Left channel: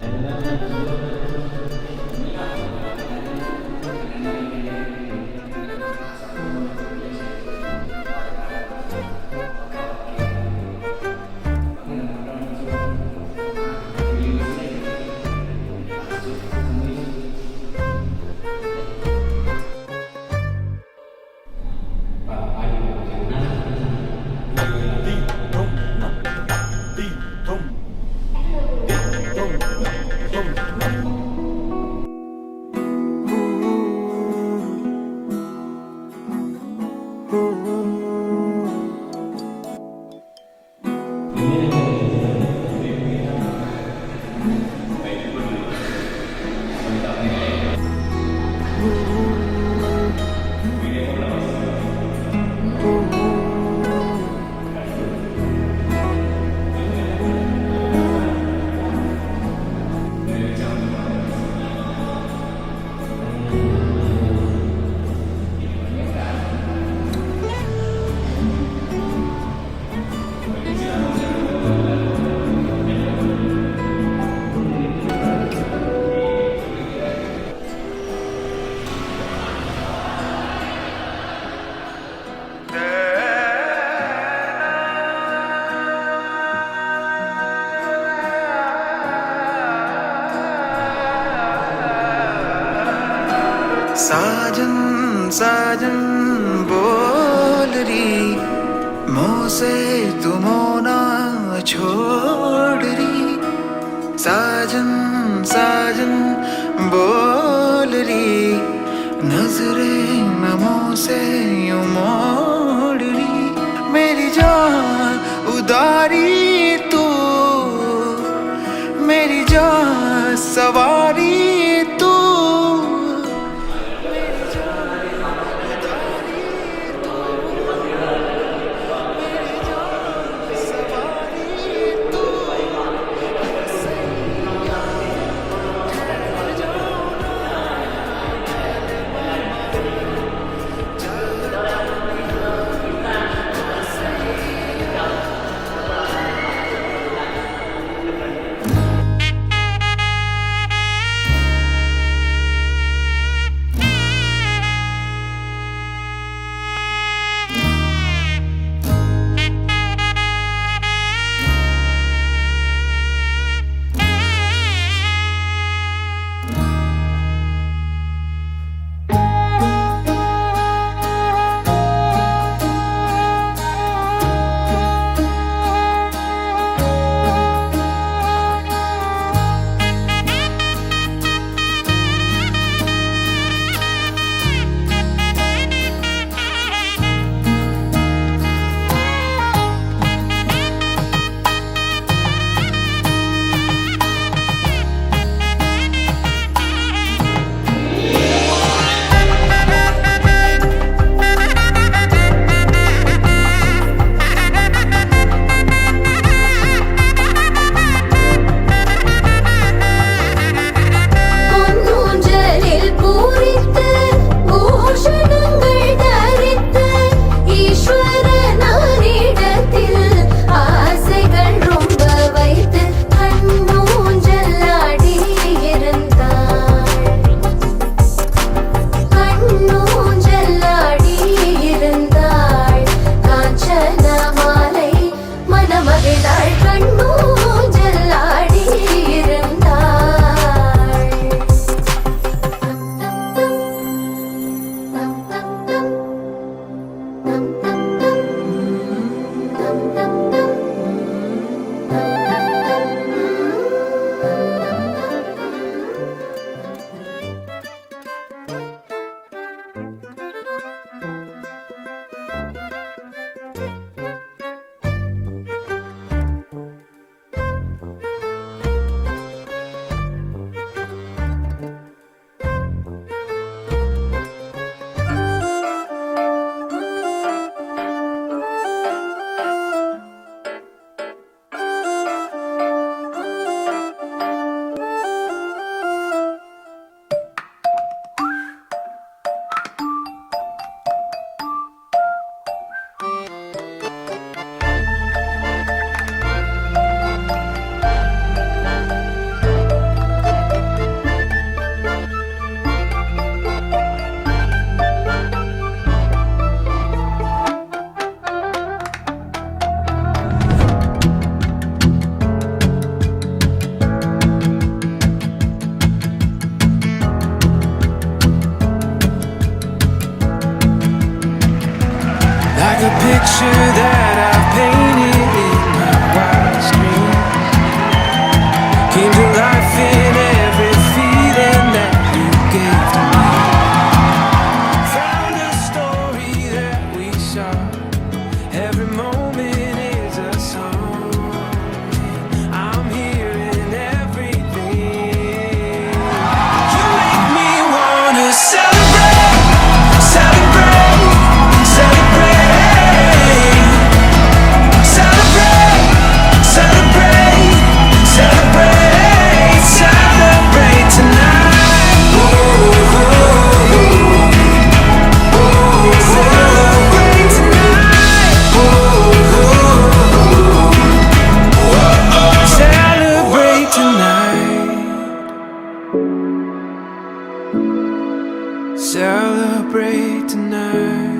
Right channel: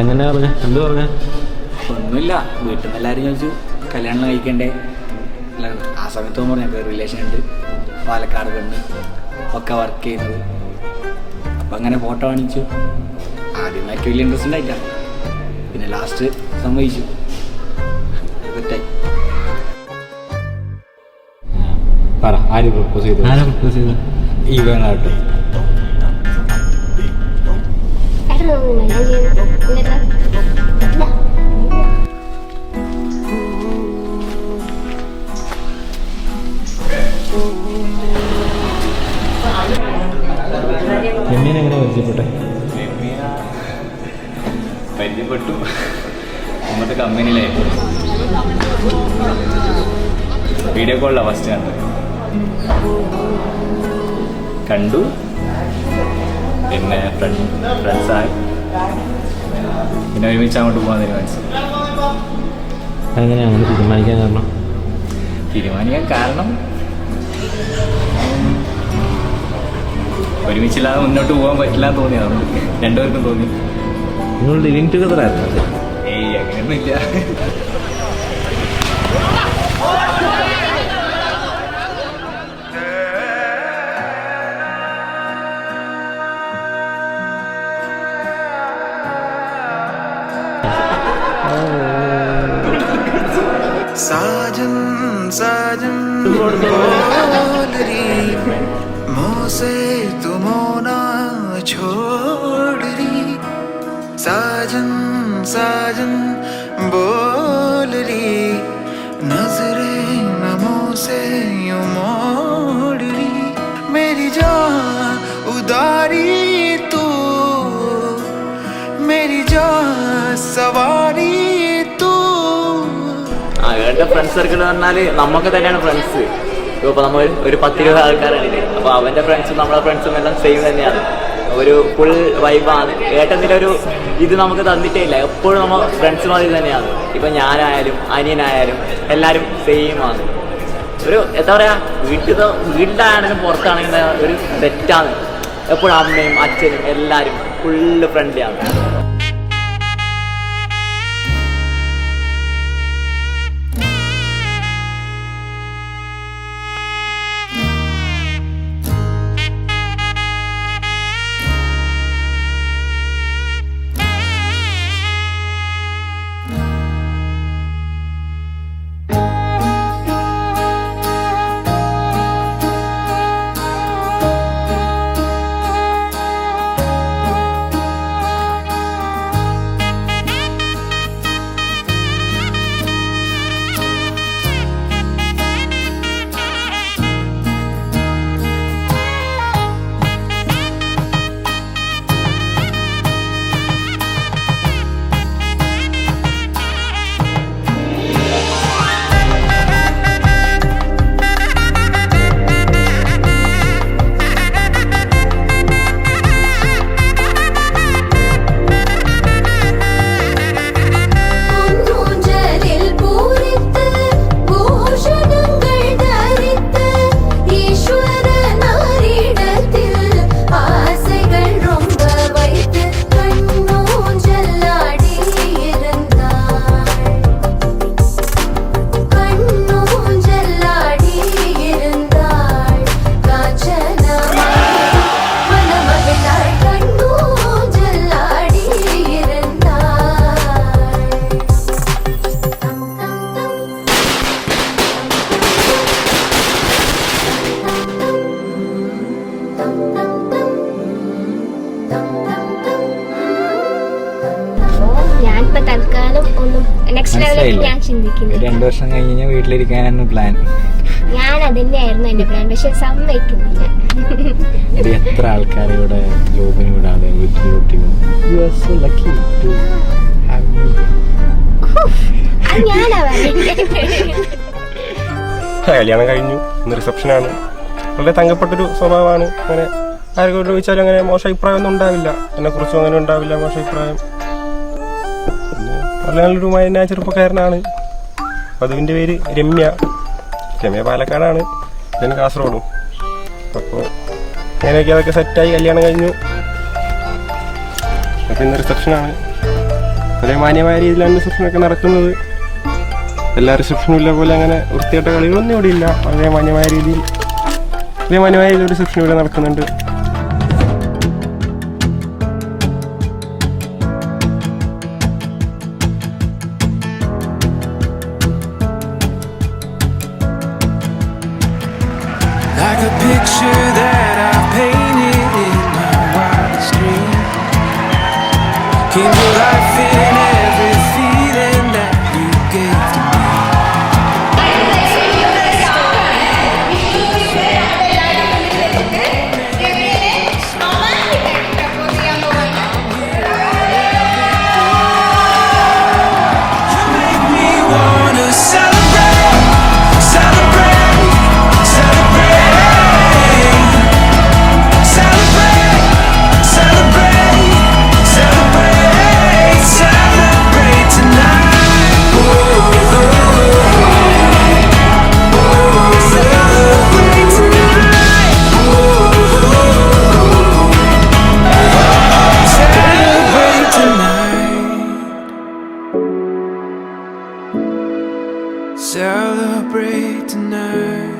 എങ്ങനെയാ പറഞ്ഞ എന്ത് പറഞ്ഞ? ഒന്നുമില്ല, വീട്ടിൽ നിന്ന് എല്ലാവരും ചോദിച്ചു കല്യാണം കഴിക്കണ്ടേ. ആ സമയത്ത് പറഞ്ഞു റിലേഷൻ ഉണ്ട്, പാലക്കാട് കണ്ട് ഒക്കെ വർക്ക് ചെയ്യുന്നത്. അപ്പം അങ്ങനെ ഫോട്ടോ കാണിച്ചു. ആദ്യമായിട്ട് വലിയ ഇൻട്രസ്റ്റ് ഉണ്ടായില്ല, പിന്നെ ലാസ്റ്റ് സമ്മതിച്ചു. പറ, ആര് പ്രപ്പോസ് ചെയ്തു? ഈ വേണാട്ടി പരിചയപ്പെട്ടു. നമ്മുടെ കമ്പനിയിലെ വീഡിയോ കോളിലാണ് ഫസ്റ്റ് കണ്ടു. പിന്നെ ഫ്രണ്ട്സായി, പിന്നെ ഒരുമിച്ച് അങ്ങോട്ട് പോകാൻ തീരുമാനിച്ചു. എങ്ങനെയാണ് തീരുമാനിക്കാൻ കാരണം ഒരുമിച്ചില്ലാതെ മുന്നോട്ട് പോകാൻ പറ്റില്ല എന്ന് തോന്നിയാണ് രണ്ടുപേർക്കും തോന്നി. നിങ്ങൾ ലിവിങ് ടുഗദർ ആയിരുന്നു? ഏയ് അങ്ങനെയൊന്നുമില്ല. साजन साजन बोल रही मुझसे तुम ना छोड़ रही. साजन साजन बोल रही नजरें नमों से यूं मोड़ रही. मेरी जान उदारी तू, मेरी जान सवारी तू. അവരുടെ ഫ്രണ്ട്സ് സർക്കിൾ പറഞ്ഞാൽ നമുക്ക് തന്നെയാണ് ഫ്രണ്ട്സ്. ഇപ്പോൾ നമ്മൾ ഒരു 10-20 ആൾക്കാരാണ്. അപ്പോൾ അവൻ്റെ ഫ്രണ്ട്സും നമ്മളെ ഫ്രണ്ട്സും എല്ലാം സെയിം തന്നെയാണ്. ഒരു ഫുൾ വൈബാണ്. ഏട്ടത്തിൻ്റെ ഒരു ഇത് നമുക്ക് തന്നിട്ടേ ഇല്ല. എപ്പോഴും നമ്മൾ ഫ്രണ്ട്സ് മാതിരി തന്നെയാണ്. ഇപ്പം ഞാനായാലും അനിയനായാലും എല്ലാവരും സെയിമാണ്. ഒരു എന്താ പറയുക, വീട്ടിലാണെങ്കിലും പുറത്താണെങ്കിലും ഒരു സെറ്റാണ്. എപ്പോഴും അമ്മയും അച്ഛനും എല്ലാവരും ഫുള്ള് ഫ്രണ്ട്ലിയാണ്. ഒരു 2 വർഷം കഴിഞ്ഞ് വീട്ടിലിരിക്കാനാണ് പ്ലാൻ. ഞാൻ അതിന്റെ ആയിരുന്നു എന്റെ പ്ലാൻ, പക്ഷെ സമ്മതിക്കുന്നില്ല. എത്ര ആൾക്കാരെ ഇവിടെ ജോബിന് വിടാതെ വീട്ടിൽ കല്യാണം കഴിഞ്ഞു, ഇന്ന് റിസപ്ഷനാണ്. വളരെ തങ്കപ്പെട്ടൊരു സ്വഭാവമാണ്. അങ്ങനെ ആരെങ്കിലും ചോദിച്ചാലും അങ്ങനെ മോശം അഭിപ്രായം ഒന്നും ഉണ്ടാവില്ല. എന്നെക്കുറിച്ചും അങ്ങനെ ഉണ്ടാവില്ല മോശം അഭിപ്രായം. നല്ലൊരു മൈന ചെറുപ്പക്കാരനാണ്. വധുവിൻ്റെ പേര് രമ്യ. രമ്യ പാലക്കാടാണ്, ഞാൻ കാസർഗോഡും. അപ്പോൾ അങ്ങനെയൊക്കെ അതൊക്കെ സെറ്റായി കല്യാണം കഴിഞ്ഞു. പിന്നെ റിസപ്ഷനാണ്. വളരെ മാന്യമായ രീതിയിലാണ് റിസപ്ഷനൊക്കെ നടക്കുന്നത്. എല്ലാ റിസപ്ഷനും ഇല്ല പോലെ അങ്ങനെ വൃത്തിയായിട്ട കളികളൊന്നും ഇവിടെ ഇല്ല. വളരെ മാന്യമായ രീതിയിൽ ഒരു റിസപ്ഷൻ ഇവിടെ നടക്കുന്നുണ്ട്. Like a picture that I painted in my wildest dream, came to life in every feeling that you gave to me. From the story of the sun, every moment is a song. I'm here in every day. You make me wanna celebrate, celebrate. Celebrate tonight.